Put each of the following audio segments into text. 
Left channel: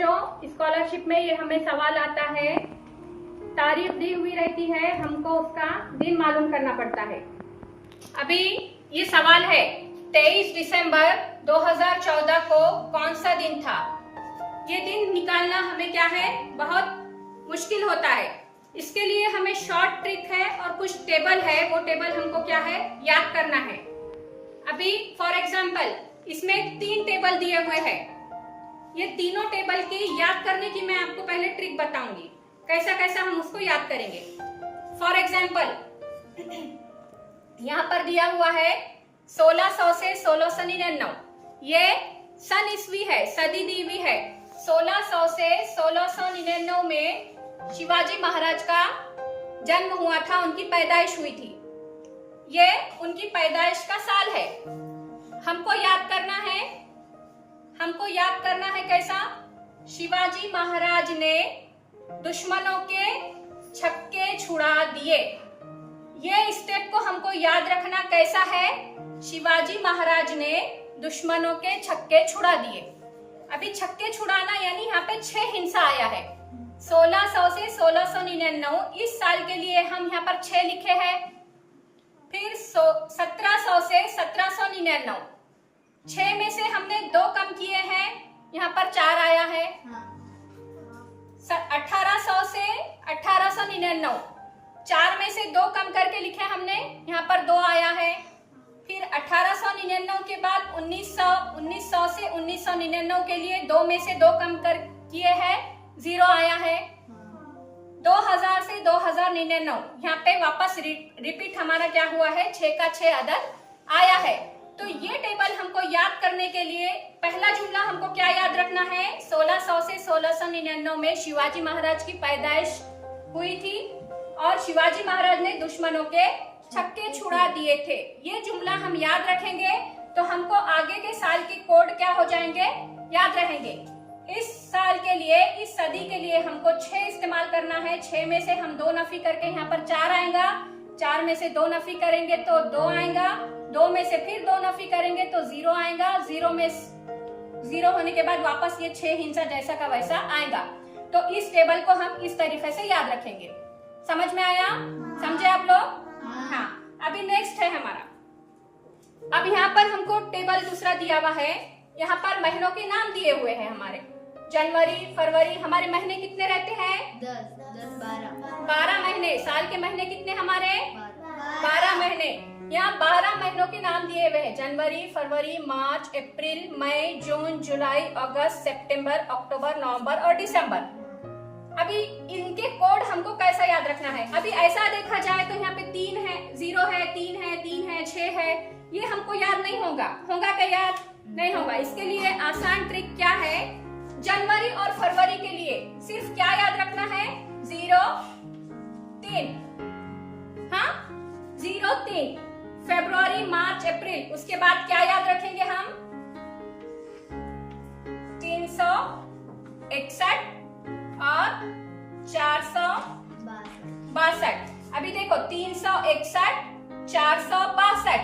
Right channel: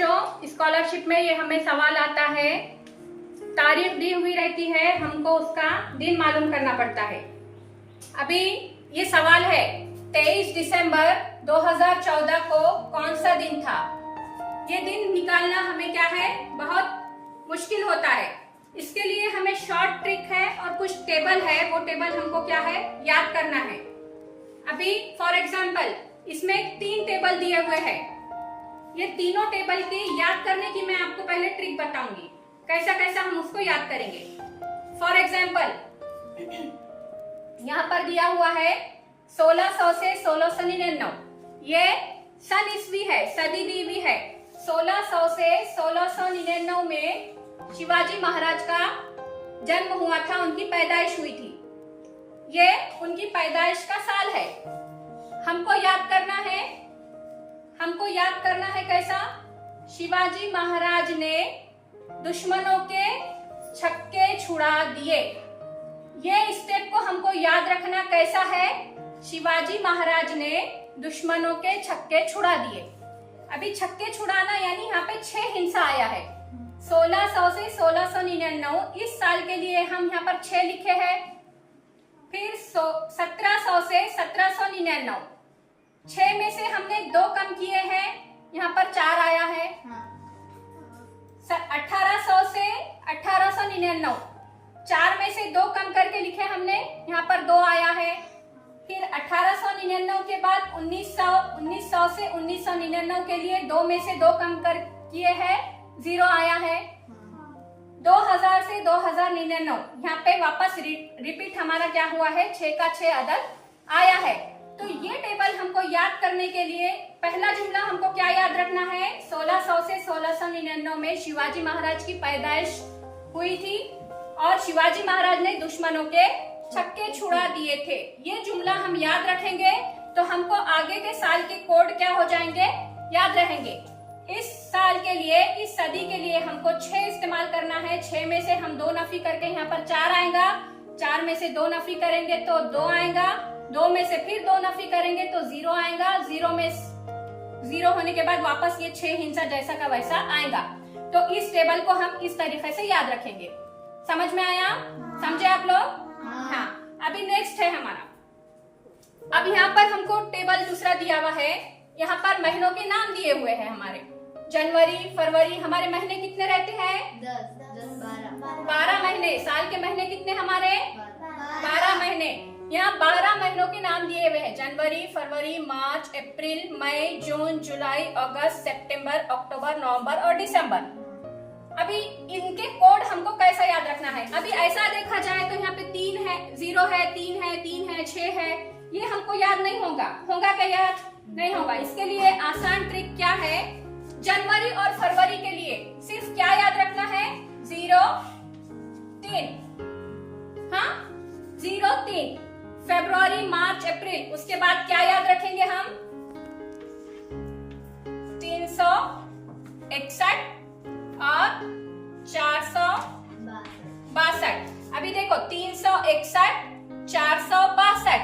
बच्चों, स्कॉलरशिप में ये हमें सवाल आता है, तारीख दी हुई रहती है, हमको उसका दिन मालूम करना पड़ता है। अभी ये सवाल है 23 दिसंबर 2014 को कौन सा दिन था। ये दिन निकालना हमें क्या है, बहुत मुश्किल होता है। इसके लिए हमें शॉर्ट ट्रिक है और कुछ टेबल है, वो टेबल हमको क्या है, याद करना है। अभी फॉर एग्जाम्पल इसमें 3 टेबल दिए हुए हैं। ये तीनों टेबल के याद करने की मैं आपको पहले ट्रिक बताऊंगी, कैसा कैसा हम उसको याद करेंगे। फॉर एग्जाम्पल यहाँ पर दिया हुआ है 1600 से 1699, ये सन ईस्वी है, सदी दी हुई है। 1600 से 1699 में शिवाजी महाराज का जन्म हुआ था, उनकी पैदाइश हुई थी। ये उनकी पैदाइश का साल है। हमको याद करना है कैसा, शिवाजी महाराज ने दुश्मनों के छक्के छुड़ा दिए। ये स्टेप को हमको याद रखना कैसा है, शिवाजी महाराज ने दुश्मनों के छक्के छुड़ा दिए। अभी छक्के छुड़ाना यानी यहाँ पे 6 हिंसा आया है। 1600 से 1699 इस साल के लिए हम यहाँ पर 6 लिखे हैं। फिर 1700 से 1799, 6 में से हमने 2 कम किए हैं, यहाँ पर 4 आया है। 1800 से 1899, 4 में से 2 कम करके लिखे हमने, यहाँ पर 2 आया है। फिर 1899 के बाद 1900 से 1999 के लिए 2 में से 2 कम कर किए हैं, 0 आया है। 2000 से 2099, यहाँ पे वापस रिपीट हमारा क्या हुआ है, 6 का 6 अदद आया है। तो ये टेबल हमको याद करने के लिए पहला जुमला हमको क्या याद रखना है, 1600 से 1699 में शिवाजी महाराज की पैदाइश हुई थी और शिवाजी महाराज ने दुश्मनों के छक्के छुड़ा दिए थे। ये जुमला हम याद रखेंगे तो हमको आगे के साल के कोड क्या हो जाएंगे, याद रहेंगे। इस साल के लिए, इस सदी के लिए हमको 6 इस्तेमाल करना है। 6 में से हम 2 नफी करके यहाँ पर 4 आएगा, 4 में से 2 नफी करेंगे तो 2 आएगा, 2 में से फिर 2 नफी करेंगे तो 0 आएगा, 0 में 0 होने के बाद वापस ये 6 हिंसा जैसा का वैसा आएगा। तो इस टेबल को हम इस तरीके से याद रखेंगे। समझ में आया? समझे आप लोग? हाँ। अभी नेक्स्ट है हमारा, अब यहाँ पर हमको टेबल दूसरा दिया हुआ है। यहाँ पर महीनों के नाम दिए हुए हैं हमारे, जनवरी, फरवरी। हमारे महीने कितने रहते हैं? 12 महीने। साल के महीने कितने हमारे? 12 महीने। यहाँ 12 महीनों के नाम दिए हुए हैं, जनवरी, फरवरी, मार्च, अप्रैल, मई, जून, जुलाई, अगस्त, सितंबर, अक्टूबर, नवंबर और दिसंबर। अभी इनके कोड हमको कैसा याद रखना है। अभी ऐसा देखा जाए तो यहाँ पे 3 है, 0 है, 3 है, 3 है, 6 है, ये हमको याद नहीं होगा। क्या याद नहीं होगा? इसके लिए आसान ट्रिक क्या है, जनवरी और फरवरी के लिए सिर्फ क्या याद रखना है, 0, 3। हाँ, 0, 3। फरवरी, मार्च, अप्रैल, उसके बाद क्या याद रखेंगे हम, 361 और 462। अभी देखो 361, 462।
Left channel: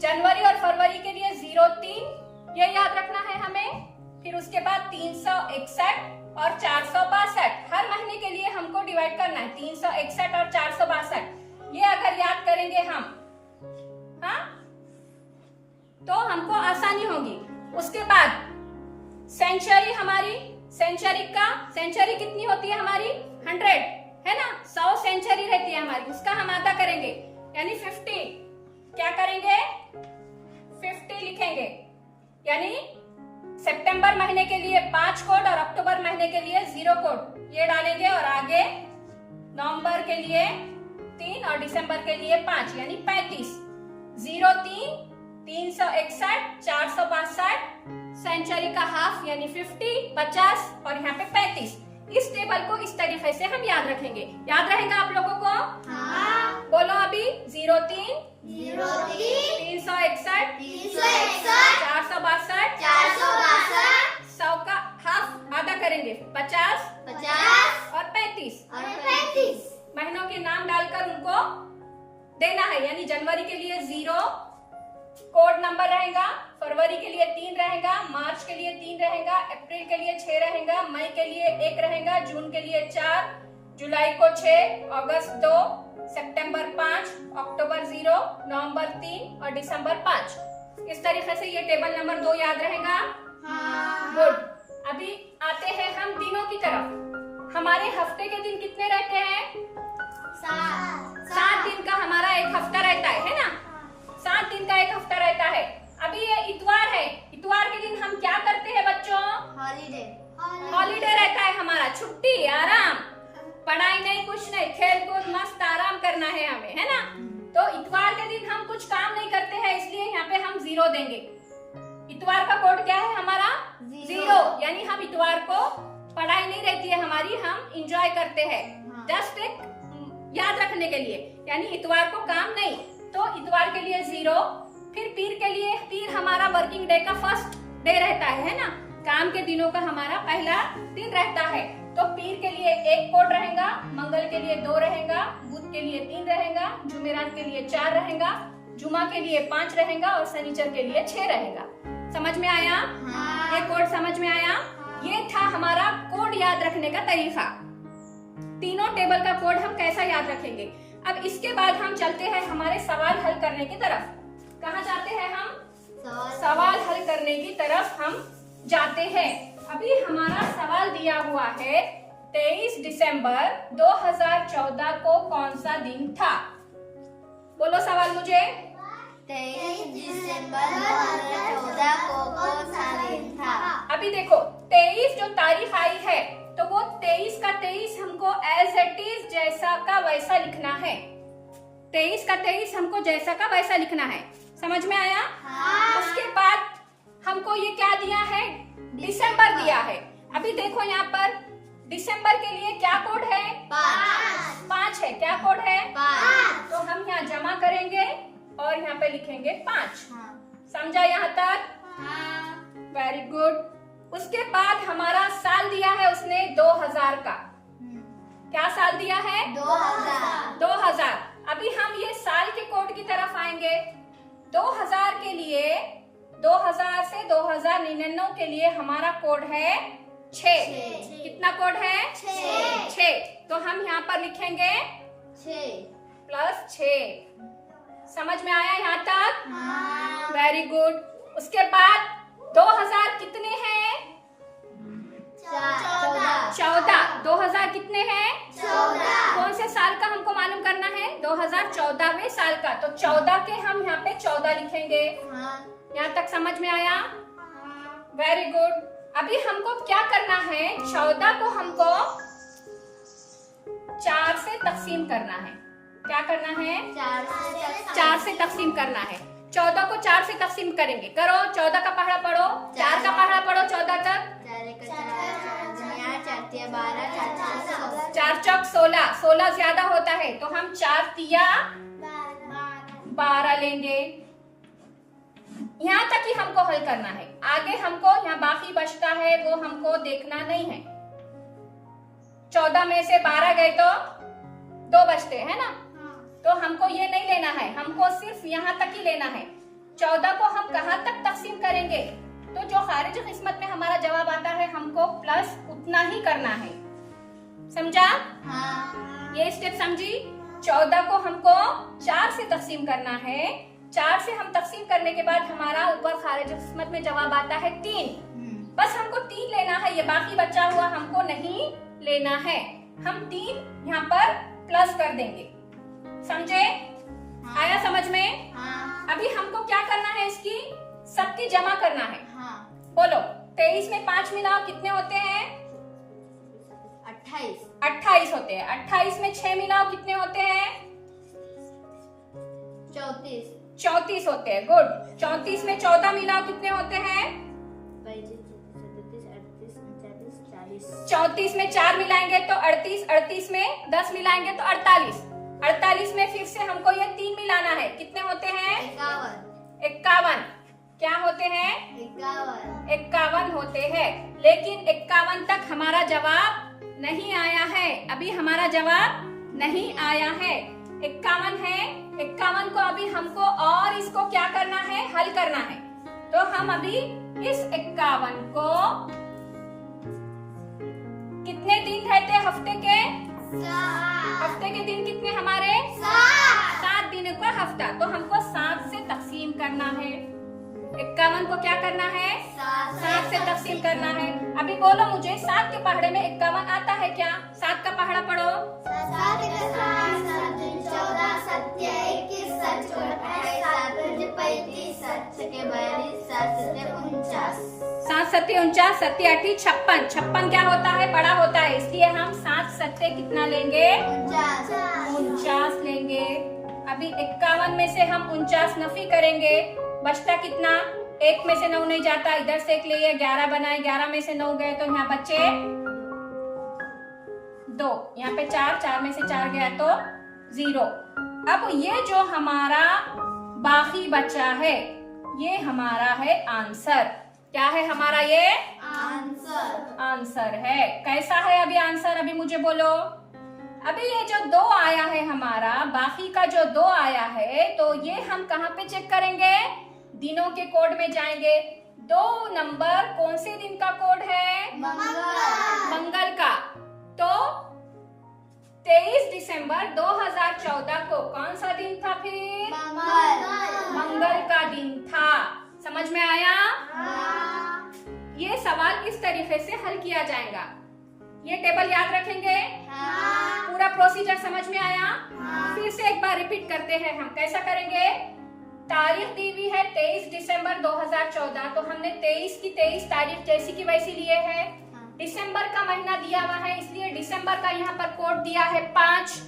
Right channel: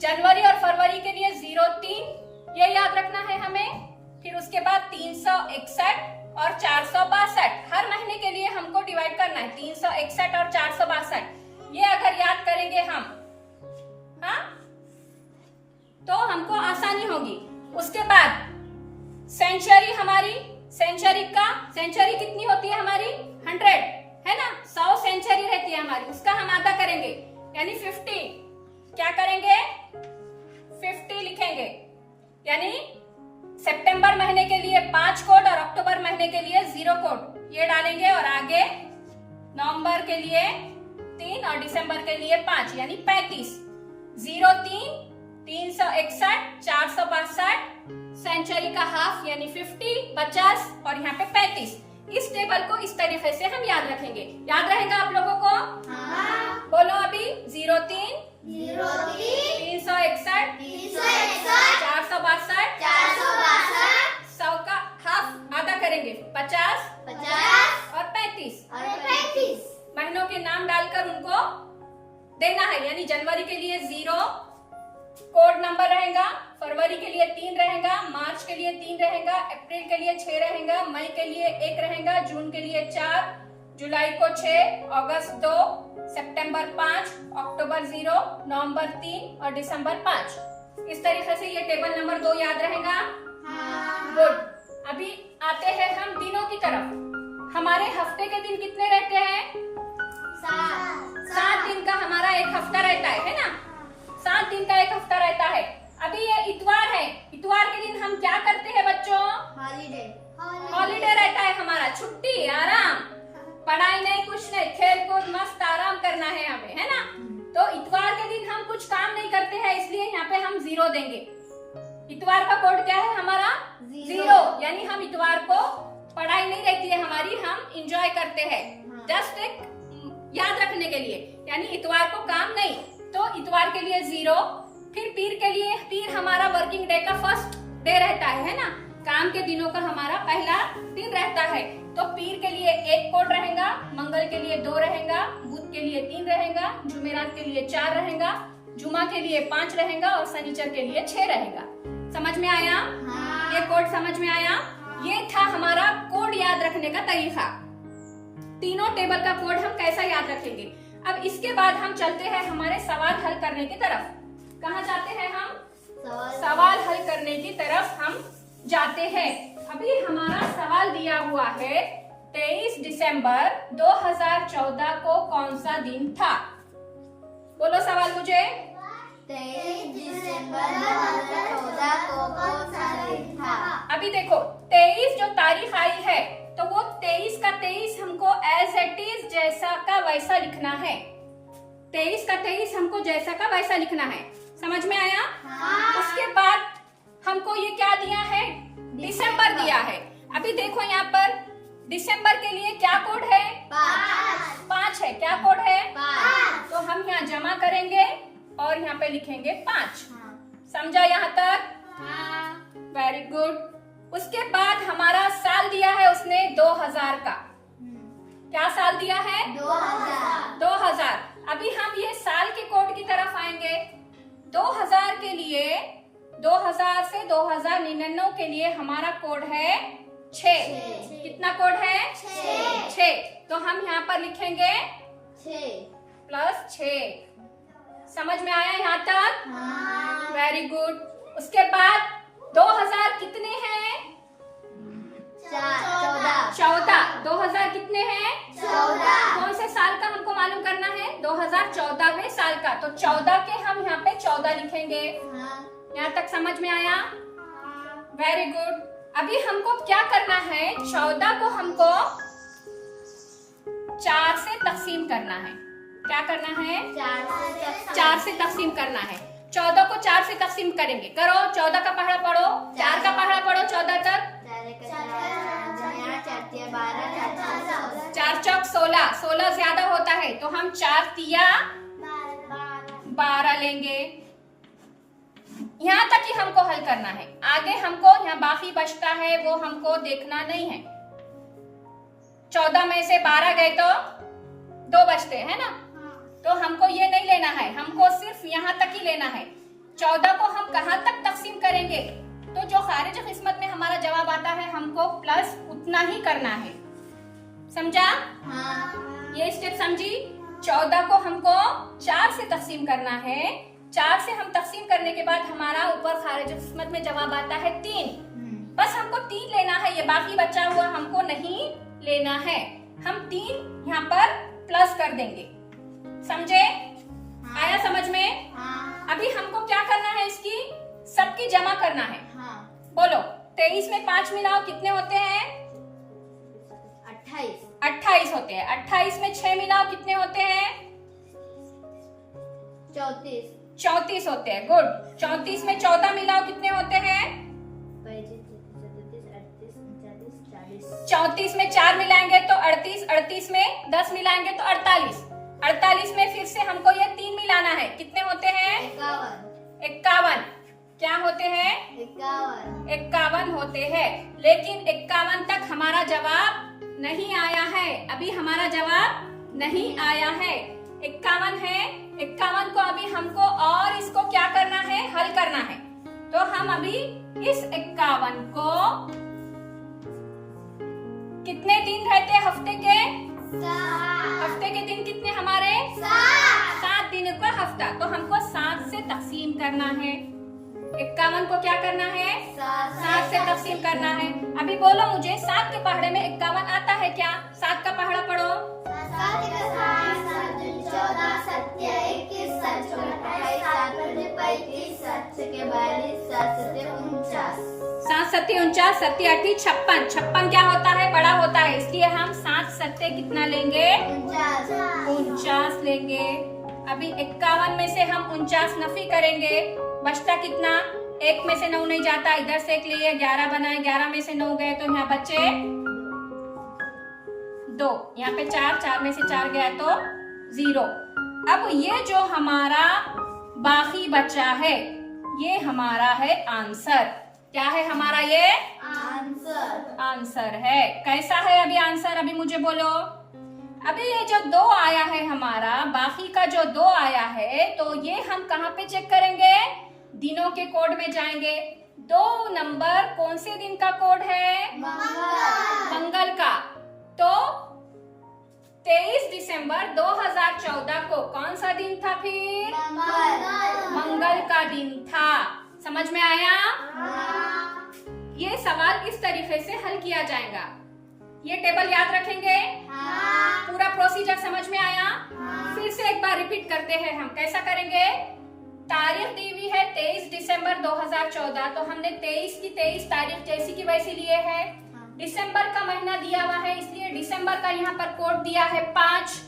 जनवरी और फरवरी के लिए 0, 3 ये याद रखना है हमें। फिर उसके बाद 361 और 462। हर महीने के लिए हमको डिवाइड करना है, 361 और 462। ये अगर याद करेंगे हम, हाँ, तो हमको आसानी होगी। उसके बाद सेंचुरी, हमारी सेंचुरी कितनी होती है हमारी, 100 है ना। 100 सेंचुरी रहती है हमारी, उसका हम आधा करेंगे यानी 50। क्या करेंगे, 50 लिखेंगे। यानी सितंबर महीने के लिए 5 कोड और अक्टूबर महीने के लिए 0 कोड ये डालेंगे, और आगे नवंबर के लिए 3 और दिसंबर के लिए 5 यानी 35। 0, 3, 361, 462, सेंचुरी का हाफ यानी 50, 50 और यहाँ पे 35। इस टेबल को इस तरीके से हम याद रखेंगे। याद रहेगा आप लोगों को? हाँ। बोलो अभी, 0, 3, 361, 462, 100 का हाफ आधा करेंगे, 50 और 35। महीनों के नाम डालकर उनको देना है। यानी जनवरी के लिए 0, कोड नंबर रहेगा, फरवरी के लिए 3 रहेगा, मार्च के लिए 3 रहेगा, अप्रैल के लिए 6 रहेगा, मई के लिए 1 रहेगा, जून के लिए 4, जुलाई को 6, अगस्त 2, सितंबर 5, अक्टूबर 0, नवंबर 3 और दिसंबर 5। इस तरीके से ये टेबल नंबर 2 याद रहेगा। गुड। अभी आते हैं हम दिनों की तरफ। हमारे हफ्ते के दिन कितने रहते हैं? 7 दिन का हमारा एक हफ्ता रहता है ना? 7 दिन का एक हफ्ता रहता है। अभी ये इतवार है, इतवार के दिन हम क्या करते हैं बच्चों? हॉलीडे रहता है हमारा, छुट्टी, आराम, पढ़ाई नहीं, कुछ नहीं, खेल कूद, मस्त आराम करना है हमें, है ना? तो इतवार के दिन हम कुछ काम नहीं करते हैं, इसलिए यहाँ पे हम 0 देंगे। इतवार का कोड क्या है हमारा? 0, यानी हम इतवार को पढ़ाई नहीं रहती है हमारी, हम इंजॉय करते हैं। जस्ट एक याद रखने के लिए, यानी इतवार को काम नहीं, तो इतवार के लिए 0। फिर पीर के लिए, पीर हमारा वर्किंग डे का फर्स्ट डे रहता है ना? काम के दिनों का हमारा पहला दिन रहता है। तो पीर के लिए 1 कोड रहेगा, मंगल के लिए 2 रहेगा, बुध के लिए 3 रहेगा, जुमेरात के लिए 4 रहेगा, जुमा के लिए 5 रहेगा और शनिचर के लिए 6 रहेगा। समझ में आया? ये कोड समझ में आया? ये था हमारा कोड याद रखने का तरीका। तीनों टेबल का कोड हम कैसा याद रखेंगे। अब इसके बाद हम चलते हैं हमारे सवाल हल करने की तरफ। कहाँ जाते हैं हम? सवाल हल करने की तरफ हम जाते हैं। अभी हमारा सवाल दिया हुआ है 23 दिसंबर 2014 को कौन सा दिन था? बोलो सवाल मुझे। 23 दिसंबर 2014 को कौन सा दिन था? अभी देखो 23 जो तारीख आई है, तो वो 23 का 23 हमको एज इट इज जैसा का वैसा लिखना है। 23 का 23 हमको जैसा का वैसा लिखना है। समझ में आया? उसके बाद हमको ये क्या दिया है? दिसंबर दिया है। अभी देखो यहाँ पर दिसंबर के लिए क्या कोड है? 5 है। क्या कोड है? 5। तो हम यहाँ जमा करेंगे और यहाँ पे लिखेंगे 5। समझा यहाँ तक? Very good. उसके बाद हमारा साल दिया है उसमें 2000 का। क्या साल दिया है? 2000। अभी हम ये साल के कोड की तरफ आएंगे। 2000 के लिए, 2000 से 2099 के लिए हमारा कोड है 6। कितना कोड है? 6। तो हम यहाँ पर लिखेंगे 6+6। समझ में आया यहाँ तक? Very good. उसके बाद 2000 कितने हैं? 14। 2000 कितने हैं? 14। कौन से साल का हमको मालूम करना है? 2014वें साल का। तो 14 के हम यहाँ पे 14 लिखेंगे। यहाँ तक समझ में आया? Very good. अभी हमको क्या करना है? 14 को हमको 4 से तकसीम करना है। क्या करना है? 4 से तकसीम करना है। 14 को 4 से तकसीम करेंगे। करो, 14 का पहाड़ा पढ़ो, 4 का पहाड़ा पढ़ो 14 तक। 4 चौक 16, 16 ज्यादा होता है तो हम 4 तिया 12 लेंगे। यहाँ तक ही हमको हल करना है। आगे हमको यहाँ बाकी बचता है वो हमको देखना नहीं है। 14 में से 12 गए तो 2 बचते हैं ना? तो हमको ये नहीं लेना है, हमको सिर्फ यहाँ तक ही लेना है। 14 को हम कहाँ तक तकसीम करेंगे? तो जो खारिज किस्मत में हमारा जवाब आता है हमको प्लस उतना ही करना है। समझा? ये स्टेप समझी? 14 को हमको 4 से तकसीम करना है। 4 से हम तकसीम करने के बाद हमारा ऊपर खारिज किस्मत में जवाब आता है 3। बस हमको 3 लेना है, ये बाकी बचा हुआ हमको नहीं लेना है। हम 3 यहाँ पर प्लस कर देंगे। समझे? आया समझ में? अभी हमको क्या करना है? इसकी सबकी जमा करना है। बोलो 23 में 5 मिलाओ, कितने होते हैं? 28 होते हैं। 28 में 6 मिलाओ, कितने होते हैं? 34 होते हैं। गुड। 34 में 14 मिलाओ, कितने होते हैं? 34 में 4 मिलाएंगे तो 38, 38 में 10 मिलाएंगे तो 48, 48 में फिर से हमको ये 3 मिलाना है। कितने होते हैं? 51। क्या होते हैं? 51 होते हैं। लेकिन 51 तक हमारा जवाब नहीं आया है। अभी हमारा जवाब नहीं आया है। 51 है। 51 को अभी हमको और इसको क्या करना है, हल करना है। तो हम अभी इस 51 को कितने दिन रहते हफ्ते के, हफ्ते के दिन कितने हमारे 7 दिन का हफ्ता। तो हमको 7 से तकसीम करना है। 51 को क्या करना है, 7 से तकसीम करना है। अभी बोलो मुझे 7 के पहाड़े में 51 आता है क्या? 7 का पहाड़ा पढ़ो। 7 14 7 21 7 28 7 35 7 42 7 49 7 7 49 7 8 56। 56 क्या होता है, बड़ा होता है, इसलिए हम 7 7 कितना लेंगे, 49 लेंगे। अभी 51 में से हम 49 नफी करेंगे, बचता कितना, 1 में से 9 नहीं जाता, इधर से 1 लिए 11 बनाए, 11 में से 9 गए तो यहाँ बचे 2, यहाँ पे 4, 4 में से 4 गया तो 0। अब ये जो हमारा बाकी बचा है ये हमारा है आंसर। क्या है हमारा ये आंसर है। कैसा है अभी आंसर, अभी मुझे बोलो। अभी ये जो 2 आया है हमारा, बाकी का जो 2 आया है, तो ये हम कहाँ पे चेक करेंगे, दिनों के कोड में जाएंगे। 2 नंबर कौन से दिन का कोड है, मंगल का। तो 23 दिसंबर 2014 को कौन सा दिन था फिर, मंगल का दिन था। समझ में आया? ये सवाल इस तरीके से हल किया जाएगा। ये टेबल याद रखेंगे, पूरा प्रोसीजर समझ में आया? फिर से एक बार रिपीट करते हैं हम। कैसा करेंगे, तारीख दी हुई है 23 दिसंबर 2014, तो हमने 23 की 23 तारीख जैसी की वैसी लिए है। दिसंबर का महीना दिया हुआ है, इसलिए दिसंबर का यहाँ पर कोड दिया है 5,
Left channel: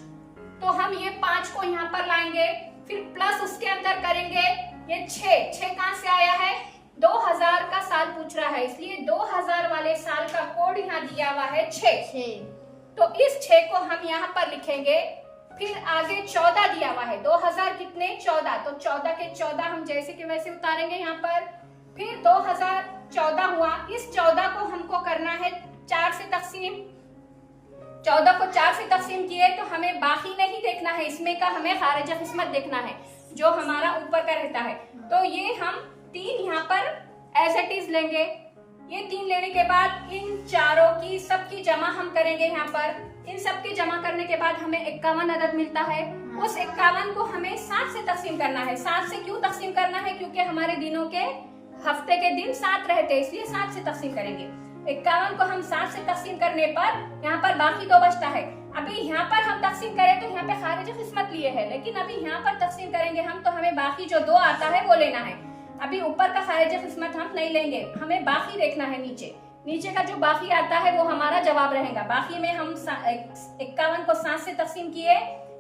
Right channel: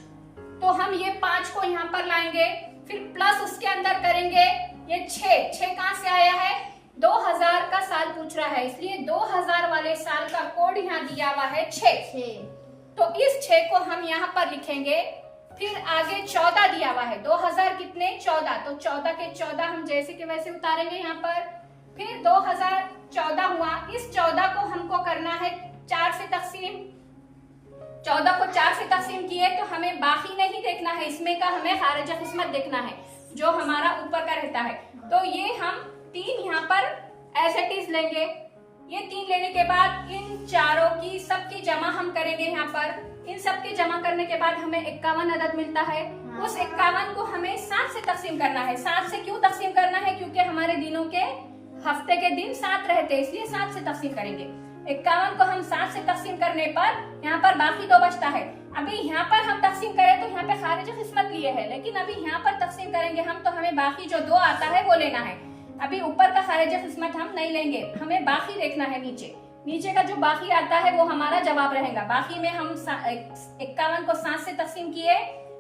तो हम ये 5 को यहाँ पर लाएंगे, फिर प्लस उसके अंदर करेंगे ये 6 कहाँ से आया है, 2000 का साल पूछ रहा है, इसलिए 2000 वाले साल का कोड यहाँ दिया हुआ है 6। तो इस 6 को हम यहाँ पर लिखेंगे। फिर आगे 14 दिया हुआ है, 2000 कितने 14, तो 14 के 14 हम जैसे के वैसे उतारेंगे यहाँ पर। फिर 2014 हुआ, इस 14 को हमको करना है 4 से तकसीम। 14 को 4 से तकसीम किए तो हमें बाकी नहीं देखना है, इसमें का हमें खारिज किस्मत देखना है जो हमारा ऊपर का रहता है। तो ये हम 3 यहाँ पर एज इट इज लेंगे। ये 3 लेने के बाद इन चारों की सबकी जमा हम करेंगे यहाँ पर। इन सबकी जमा करने के बाद हमें 51 अदद मिलता है। उस 51 को हमें 7 से तकसीम करना है। 7 से क्यों तकसीम करना है, क्योंकि हमारे दिनों के हफ्ते के दिन 7 रहते हैं, इसलिए 7 से तकसीम करेंगे। 51 को हम 7 से तकसीम करने पर यहाँ पर बाकी 2 बचता है। अभी यहाँ पर हम तकसीम करें तो यहाँ पे खारिज किस्मत लिए है, लेकिन अभी यहाँ पर तकसीम करेंगे हम तो हमें बाकी जो 2 आता है वो लेना है। अभी ऊपर का खारिज किस्मत हम नहीं लेंगे, हमें बाकी देखना है। नीचे का जो बाकी आता है वो हमारा जवाब रहेगा। बाकी में हम 51 को 7 से तकसीम किए,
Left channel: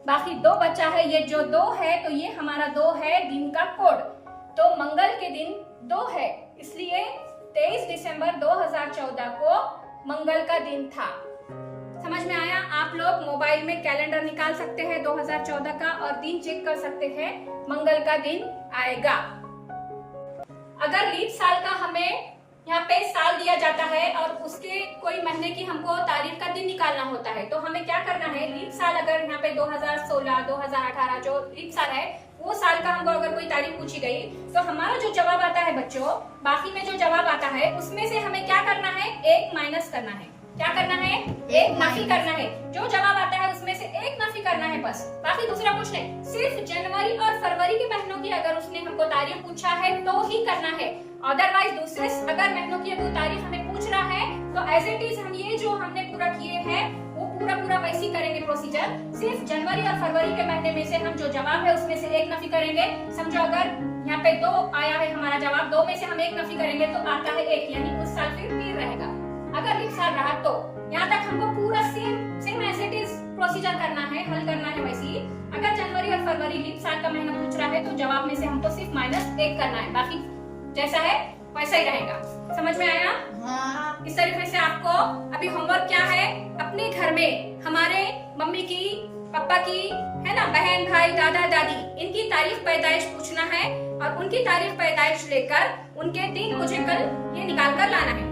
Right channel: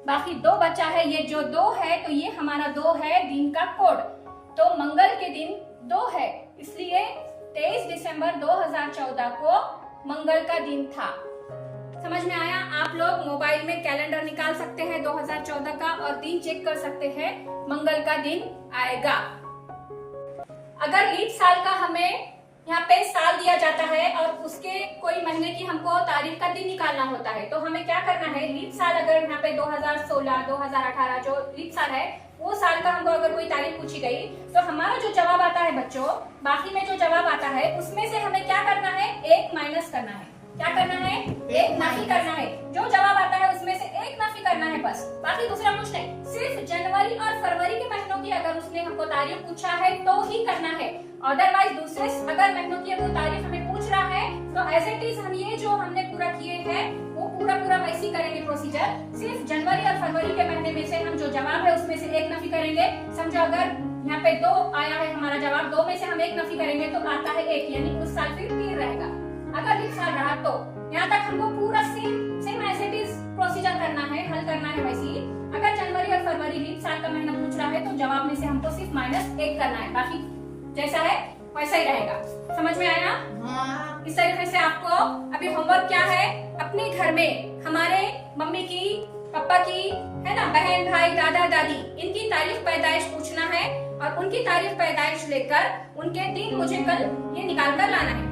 बाकी 2 बचा है। ये जो 2 है तो ये हमारा 2 है दिन का कोड। तो मंगल के दिन 2 है, इसलिए 23 दिसंबर 2014 को मंगल का दिन था। समझ में आया? आप लोग मोबाइल में कैलेंडर निकाल सकते हैं 2014 का और दिन चेक कर सकते हैं, मंगल का दिन आएगा। अगर लीप साल का हमें यहाँ पे साल दिया जाता है और उसके कोई महीने की हमको तारीख का दिन निकालना होता है, तो हमें क्या करना है, लीप साल अगर यहाँ पे 2016, 2018 जो लीप साल है वो साल का हमको अगर कोई तारीख पूछी गई तो हमारा जो जवाब आता है बच्चों, बाकी में जो जवाब आता है उसमें से हमें क्या करना है, 1 माइनस करना है। क्या करना है, 1 नफी करना है। जो जवाब आता है उसमें से 1 नफी करना है बस, बाकी दूसरा कुछ नहीं। सिर्फ जनवरी और फरवरी के महीनों की अगर उसने हमको तारीख पूछा है तो ही करना है, अदरवाइज दूसरे अगर महीनों की कोई तारीख हमें पूछ रहा है तो एज इट इज हम ये जो हमने पूरा किए हैं वो पूरा वैसे ही करेंगे प्रोसीजर। सिर्फ जनवरी और फरवरी के महीने में से हम जो जवाब है उसमें से 1 नफी करेंगे। समझो अगर यहाँ पे 2 आया है हमारा जवाब, 2 में से हम 1 नफी करेंगे तो आता है 1, यानी उस साल फिर 3 रहेगा। अगर लीप साल रहा तो यहाँ तक हमको पूरा same as it is procedure करना है, हल करना है वैसे ही। अगर जनवरी और फरवरी लीप साल का महीना पूछ रहा है तो जवाब में से हमको सिर्फ -1 करना है, बाकी जैसा है वैसा ही रहेगा। समझ में आया? हाँ। इस तरीके से आपको अभी होमवर्क क्या है, अपने घर में हमारे मम्मी की, पापा की, है ना, बहन भाई, दादा दादी, इनकी तारीख पैदाइश पूछना है और उनकी तारीख पैदाइश लेकर उनके दिन मुझे कल ये निकाल कर लाना है।